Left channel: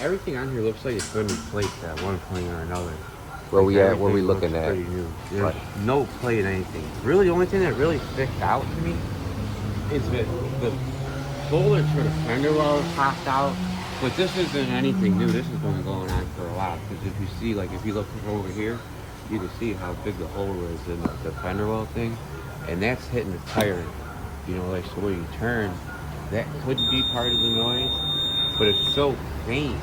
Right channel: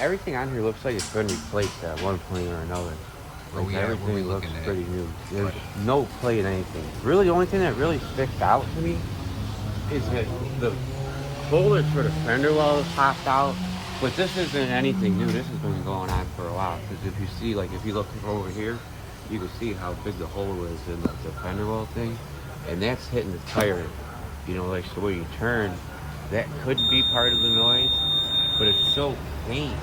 everything on here looks like it's been replaced at one point or another. Where Like we at? Where we everything looks looking at? pretty new. There's Right. no play in anything. Really, the only thing that really sticks out to me is that the spoilers for the fender well popped out. But this isn't anything new. This has been going on for a while. Because if you see, like, if you look over here, you can see how big the hole is in the fender well thing, and that's hitting the tire. You know, like, so when you turn, that could be part of the noise, but it's so faint,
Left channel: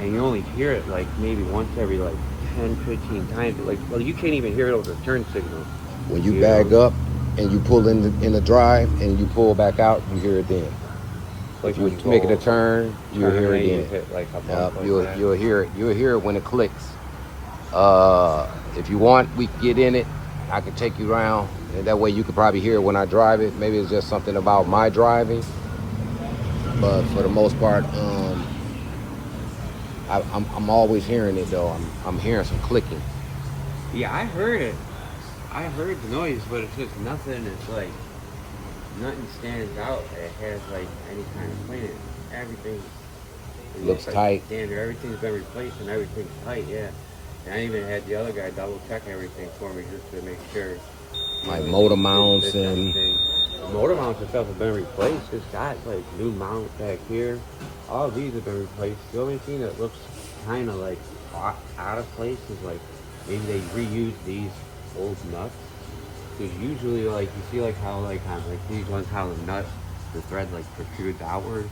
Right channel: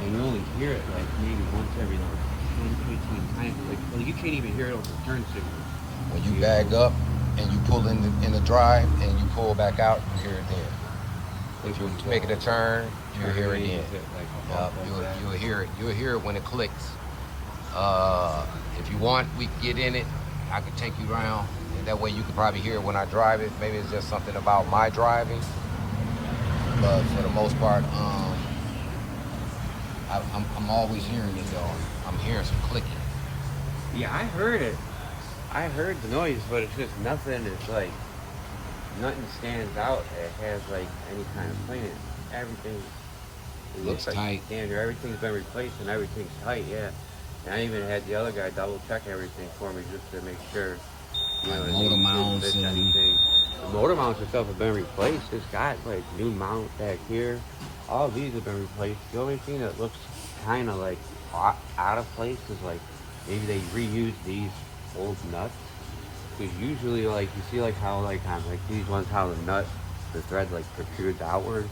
and you only hear it like maybe once every like 10, 15 times. Like, well, you can't even hear it over the turn signal. When you bag up and you pull in the drive and you pull back out, you hear it then. Like If you're making a turn, you'll hear it then. Hit like a bump like You'll that. hear it. You'll hear it when it clicks. If you want, we can get in it. I can take you around, and that way you can probably hear it when I drive it. Maybe it's just something about my driving, but for the most part, I'm always hearing it though. I'm hearing some clicking. Yeah, I heard it. I heard the noise, but it's just nothing. It's like nothing stands out that has like any kind of plate in it. Everything Looks like tight. standard. Everything's been replaced and everything's tight. Yeah. And I even had the other guy double check everything for me just to make sure. Like motor mounts and anything. The motor mounts and stuff have been replaced. It's got like new mount back here. All these have been replaced. The only thing that looks kind of like out of place is like maybe they reused these old nuts. Because usually, like, you see like how like on like these ones, how the nut, the thread like protrudes outward,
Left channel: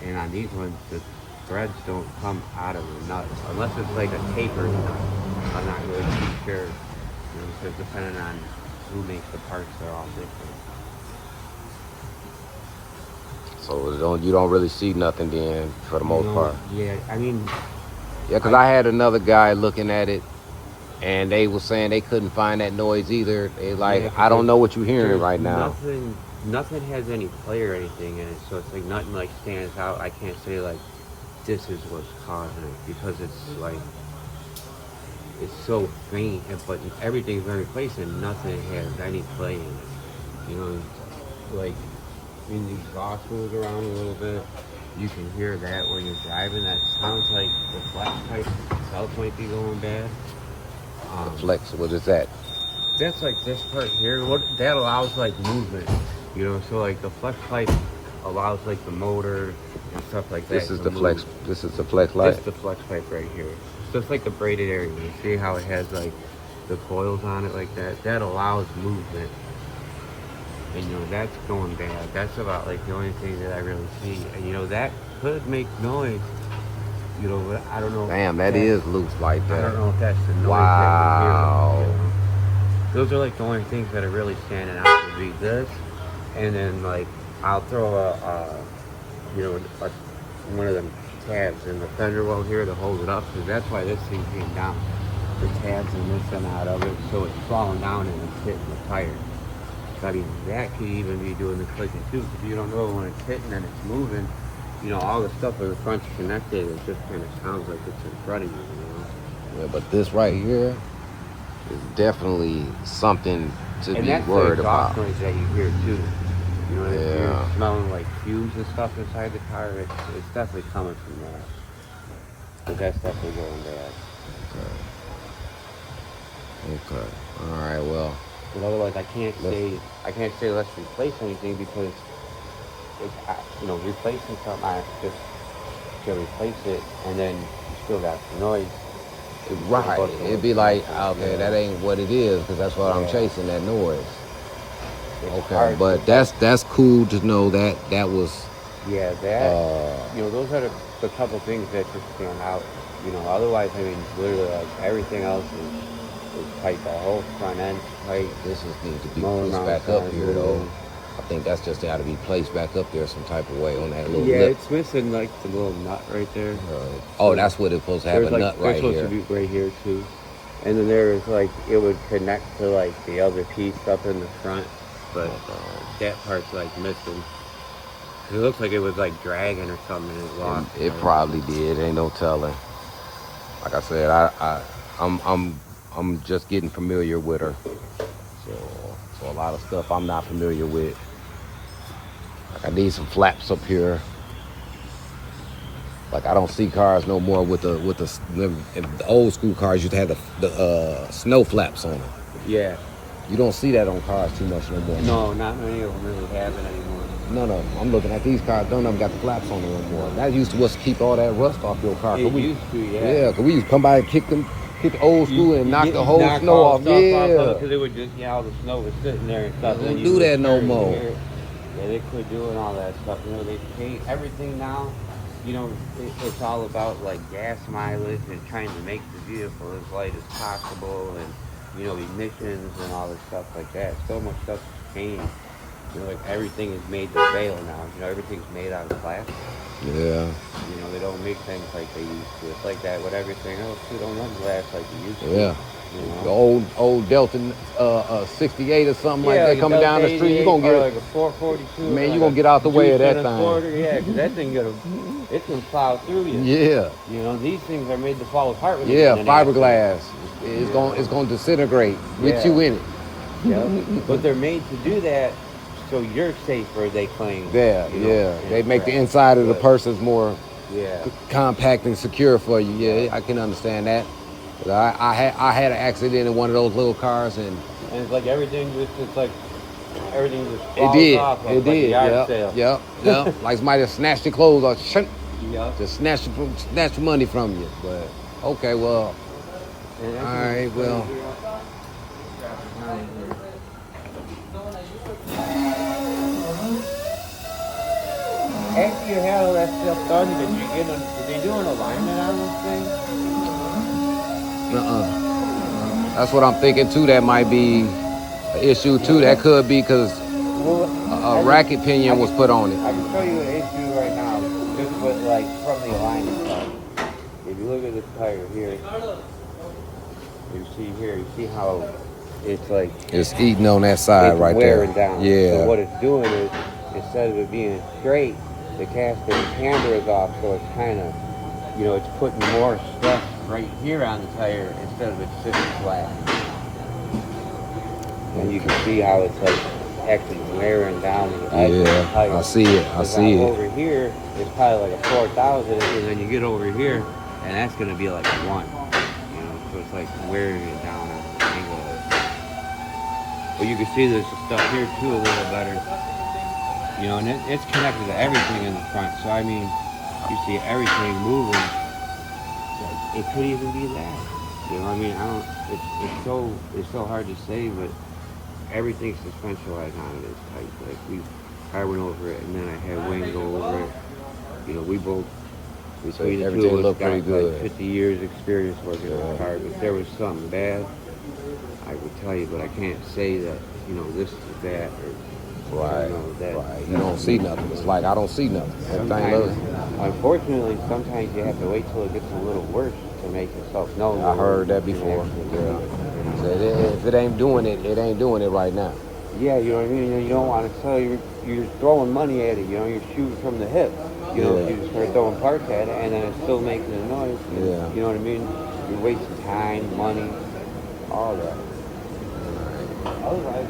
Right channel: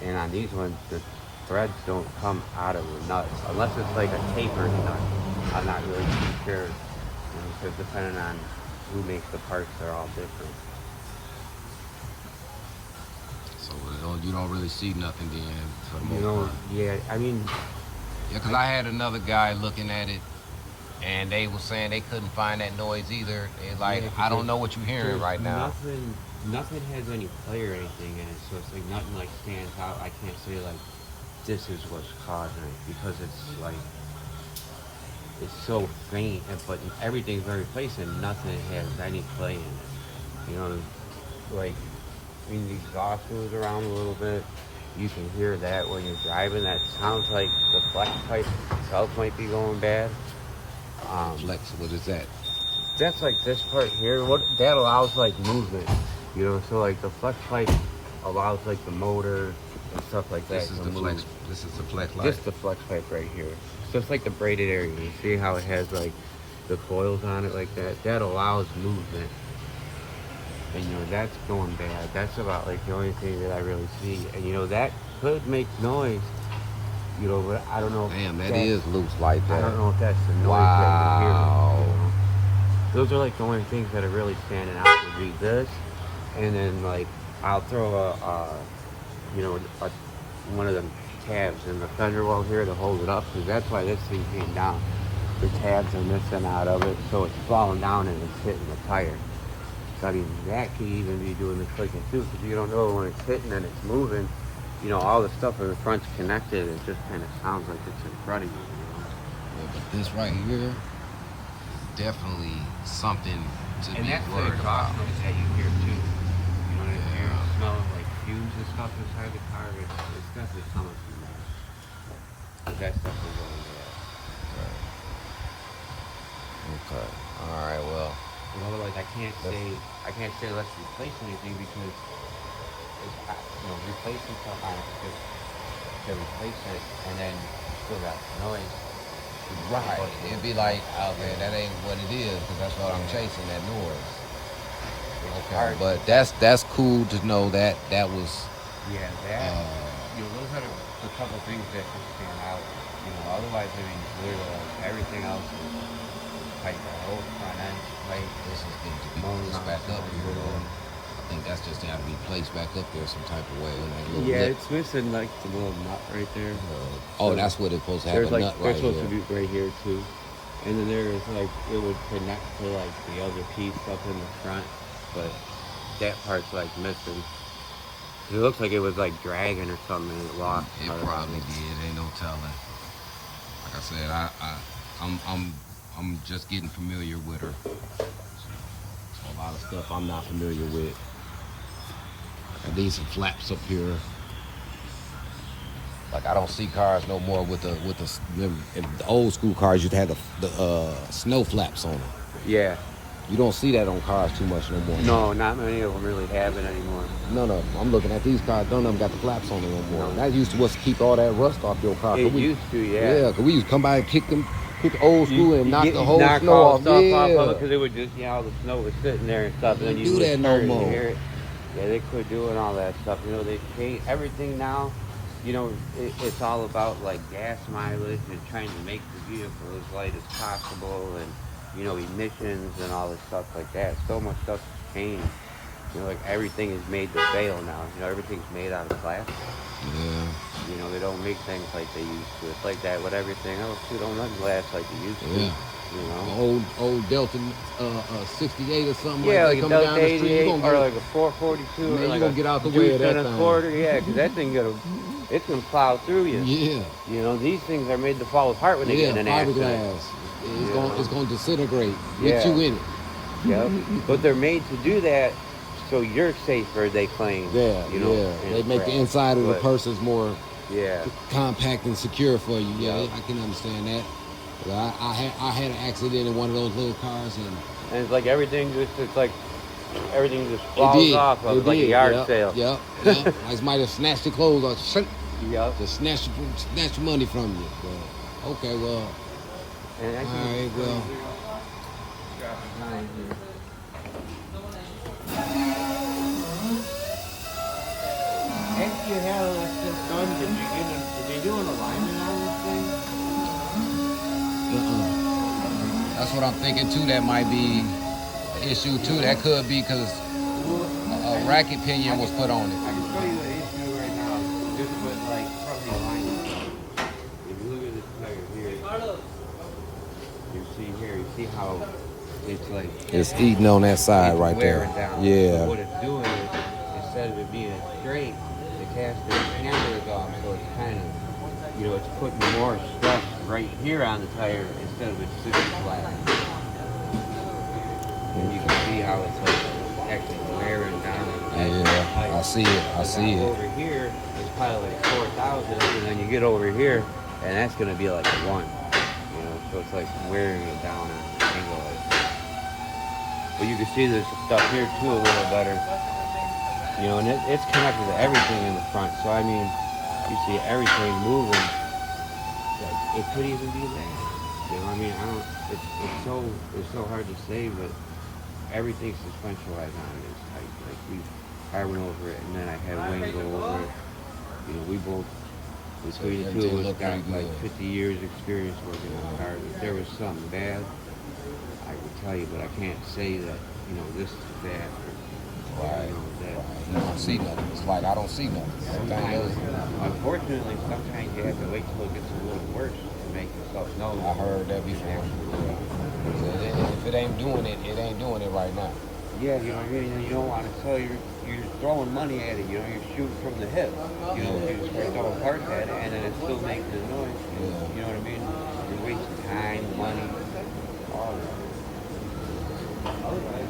and on these ones the threads don't come out of the nut unless it's like a tapered nut. I'm not really too sure, you know, because depending on who makes the parts, they're all different. so you don't really see nothing then for the most part. Yeah, I mean, Yeah, because I had another guy looking at it, and they were saying they couldn't find that noise either. They like, yeah, I don't know what you're hearing right now. Nothing has any play or anything in it, so it's like nothing like stands out. I can't say like this is what's causing it because it's like it's so faint, but everything's been replaced and nothing has any play in it. You know, like when the exhaust moves around a little bit, you can hear that when you're driving. That sounds like the flex pipe itself might be going bad. Flex, what is that? That's like this part here. What that allows like movement, you know. So like the flex pipe allows like the motor and stuff like that. This is to the move. flex. This is the flex light. This is the flex pipe right here. So it's like the braided area. You see how it has like the coils on it like that? That allows movement. And you know, that's going bad. That's about like the only thing that I really see. And you know, that could make noise. You know, but I don't know. Damn, that is loose like that. I don't know if that's the noise Wow. that we hear. You know? Those are like the only things that are really standing out would be this. And then like, I'll throw one of them tabs in the fender well here to hold it up, because that's why this thing came down. The tabs are missing out of it, so it's falling down and it's hitting the tire. Not even that could even be doing the clicking too, because you don't know when it's hitting and it's moving. You know, all the stuff in the front's connected. It just kind of sounds like it's in front of you. You know? Yeah, but this right here is definitely something to be worried about. And that's the exhaust noise that you hear too. You know, if Yeah. you're smelling like fumes and stuff inside the car, it's definitely coming from there. But that's definitely going bad. Okay. All right. Well. Because otherwise, I can't say let's replace anything, because it's, you know, replacing something, I have to just to replace it, and then you still got the noise. Right. It'd be like, okay, that ain't what it is, because that's what I'm chasing, that noise. Okay, but that's cool to know that was. Yeah, that. You know, those are the couple things that should stand out. You know, otherwise, I mean, literally, like everything else is tight. The whole front end tight. This is need to be placed back up here, though. I think that's just got to be placed back up there some type of way on that little lip. It's missing like the little nut right there. Oh, that's what it's supposed to have, a nut right here. There's supposed to be right here too. And then there is like, it would connect to like the other piece up in the front, but that part's like missing. It looks like it was like dragging or something and it lost. It probably did. Ain't no telling. Like I said, I'm just getting familiar with her. So a lot of stuff I'm not familiar with. Like I need some flaps up here. Like I don't see cars no more with the old school cars used to have the snow flaps on them. Yeah. You don't see that on cars too much no more. No, not many of them really have it anymore. No. I'm looking at these cars. None of them got the flaps on them no more. That used to keep all that rust off your car. It used to, yeah. Yeah, because we used to come by and kick the old school and knock the whole snow off. Yeah. Because it would just, all the snow was sitting there and stuff. They don't do that no more. Yeah, they quit doing all that stuff. You know, they paint everything now. You know, it's all about like gas mileage and trying to make the vehicle as light as possible, and you know, emissions and all this stuff like that. So much stuff has changed. You know, like everything is made to fail now. You know, everything's made out of plastic. Yeah. You know, they don't make things like they used to. It's like that with everything else. You don't run glass like you used to. Yeah. You know? The old Delta 68 or something like that like coming down the street, you gonna get like a 442. Man, like you gonna get out the way of that thing. Yeah, because that thing it can plow through you. Yeah. You know, these things are made to fall apart when they get in an fiberglass. It's gonna disintegrate with you in it. Yeah, but they're made to do that so you're safer. They claim. Yeah, you know, They make the inside of the person's more Yeah. compact and secure for you. Yeah, I can understand that. But I had an accident in one of those little cars, and it's like everything just everything just it falls did. off of It like did. a yard sale. Yep. Like somebody snatched your clothes off. Yep. Just snatch your money from you. But okay, well, all right, well. After you had all that stuff done, did they do an alignment on this thing? That's what I'm thinking too. That might be an issue too. That could be because a racket pinion was put on it. I can show you an issue right now, just with like from the alignment side. If you look at this tire here, you see how it's like It's eating on that side right there. Down. Yeah. So what it's doing is, instead of it being straight, the caster camber is off, so it's kind of, you know, it's putting more stress right here on the tire instead of it sitting flat. And you can see how it's like actually wearing down the tire. I see it. Over here, it's probably like a 4,000, and then you get over here, and that's going to be like a 1. You know, so it's like wearing it down on the angle. But you can see there's stuff here too a little better. You know, and it's connected to everything in the front. So I mean, you see everything moving. It could even be that. You know, I mean, it's so hard to say, but everything's suspensionalized on it is tight. Like I went over it, and then I had Wayne go over it. You know, we both between the two of us got like 50 years experience working with cars. If there was something bad, I would tell you, but I can't say that, you know, this is bad or right. You know, that. Right. You don't see nothing. It's like I don't see nothing. Unfortunately, sometimes you have to wait till it gets a little worse to make yourself know. I heard that before. Yeah. So if it ain't doing it, it ain't doing it right now. Yeah, you know what I mean? You don't want to tell you're throwing money at it, you know, you're shooting from the hip. You know, you just start throwing parts at it, and then it's still making a noise. Yeah. You know what I mean? You're wasting time, money, all that. Otherwise,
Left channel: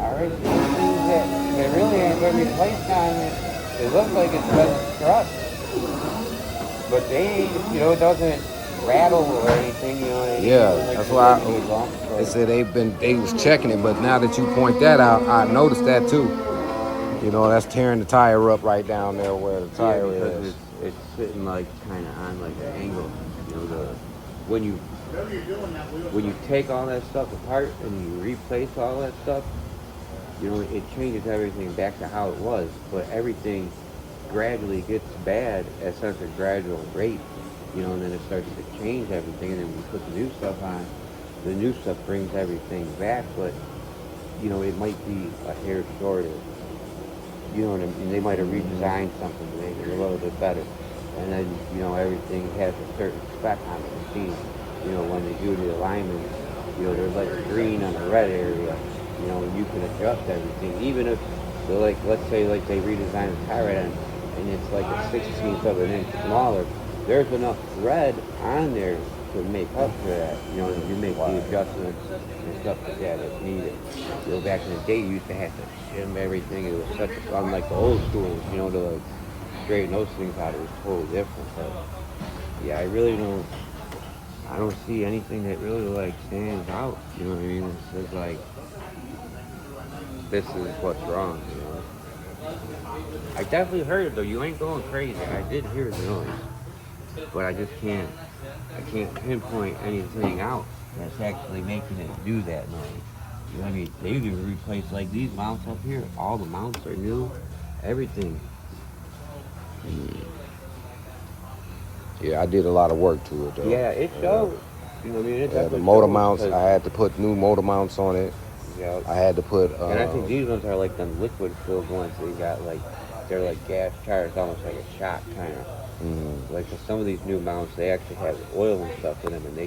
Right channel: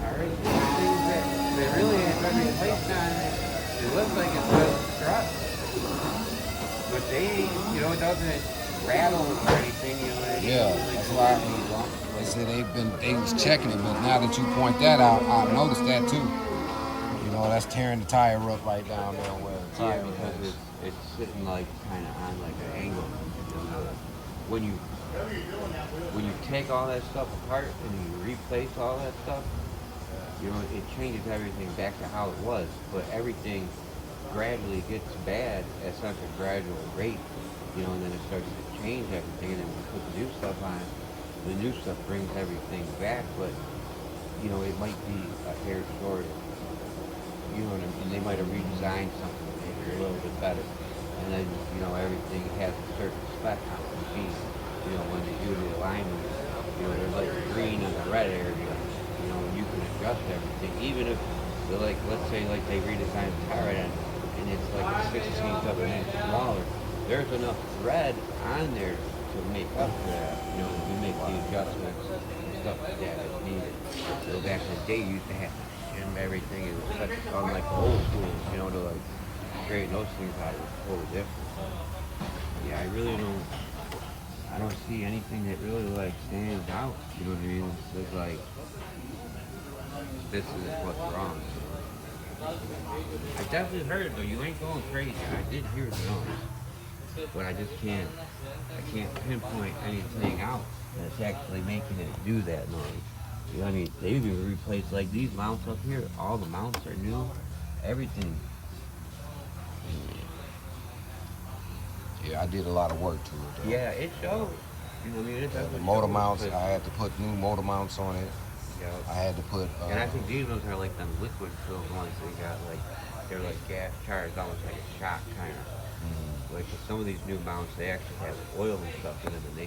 alright, they really ain't been replaced on it. It looks like it's like a truck. But they ain't, you know, it doesn't rattle or anything, you know what I mean? Yeah, that's why they said they was checking it, but now that you point that out, I noticed that too. You know, that's tearing the tire up right down there where the tire is. It's sitting like kind of on like an angle. You know, when you take all that stuff apart and you replace all that stuff, you know, it changes everything back to how it was. But everything gradually gets bad at such a gradual rate. You know, and then it starts to change everything, and then when you put the new stuff on, the new stuff brings everything back, but, you know, it might be a hair shorter. You know what I mean? They might have redesigned something to make it a little bit better. And then, you know, everything has a certain spec on the machine. You know, when they do the alignment, you know, there's like a green on the red area, you know, and you can adjust everything. Even if, so like, let's say like they redesign the tire end, and it's like a 1/16 of an inch smaller, there's enough thread on there to make up for that, you know, and you make the adjustments and stuff like that that's needed. You know, back in the day, you used to have to trim everything. It was such, unlike the old school, you know, the straighten those things out, it was totally different. But yeah, I don't see anything that really like stands out. You know what I mean? It's just like this is what's wrong. You know? I definitely heard it though. You ain't going crazy. I did hear the noise, but I just can't. I can't pinpoint anything out that's actually making it do that noise. You know what I mean? They even replaced like these mounts up here. All the mounts are new. Everything. Yeah, I did a lot of work to it though. Yeah, it shows. You know what I mean? It The motor mounts, I had to put new motor mounts on it. Yeah. I had to put. And I think these ones are like the liquid filled ones. So you got like they're like gas charged, almost like a shot kind of. Like for some of these new mounts, they actually have oil and stuff in them, and they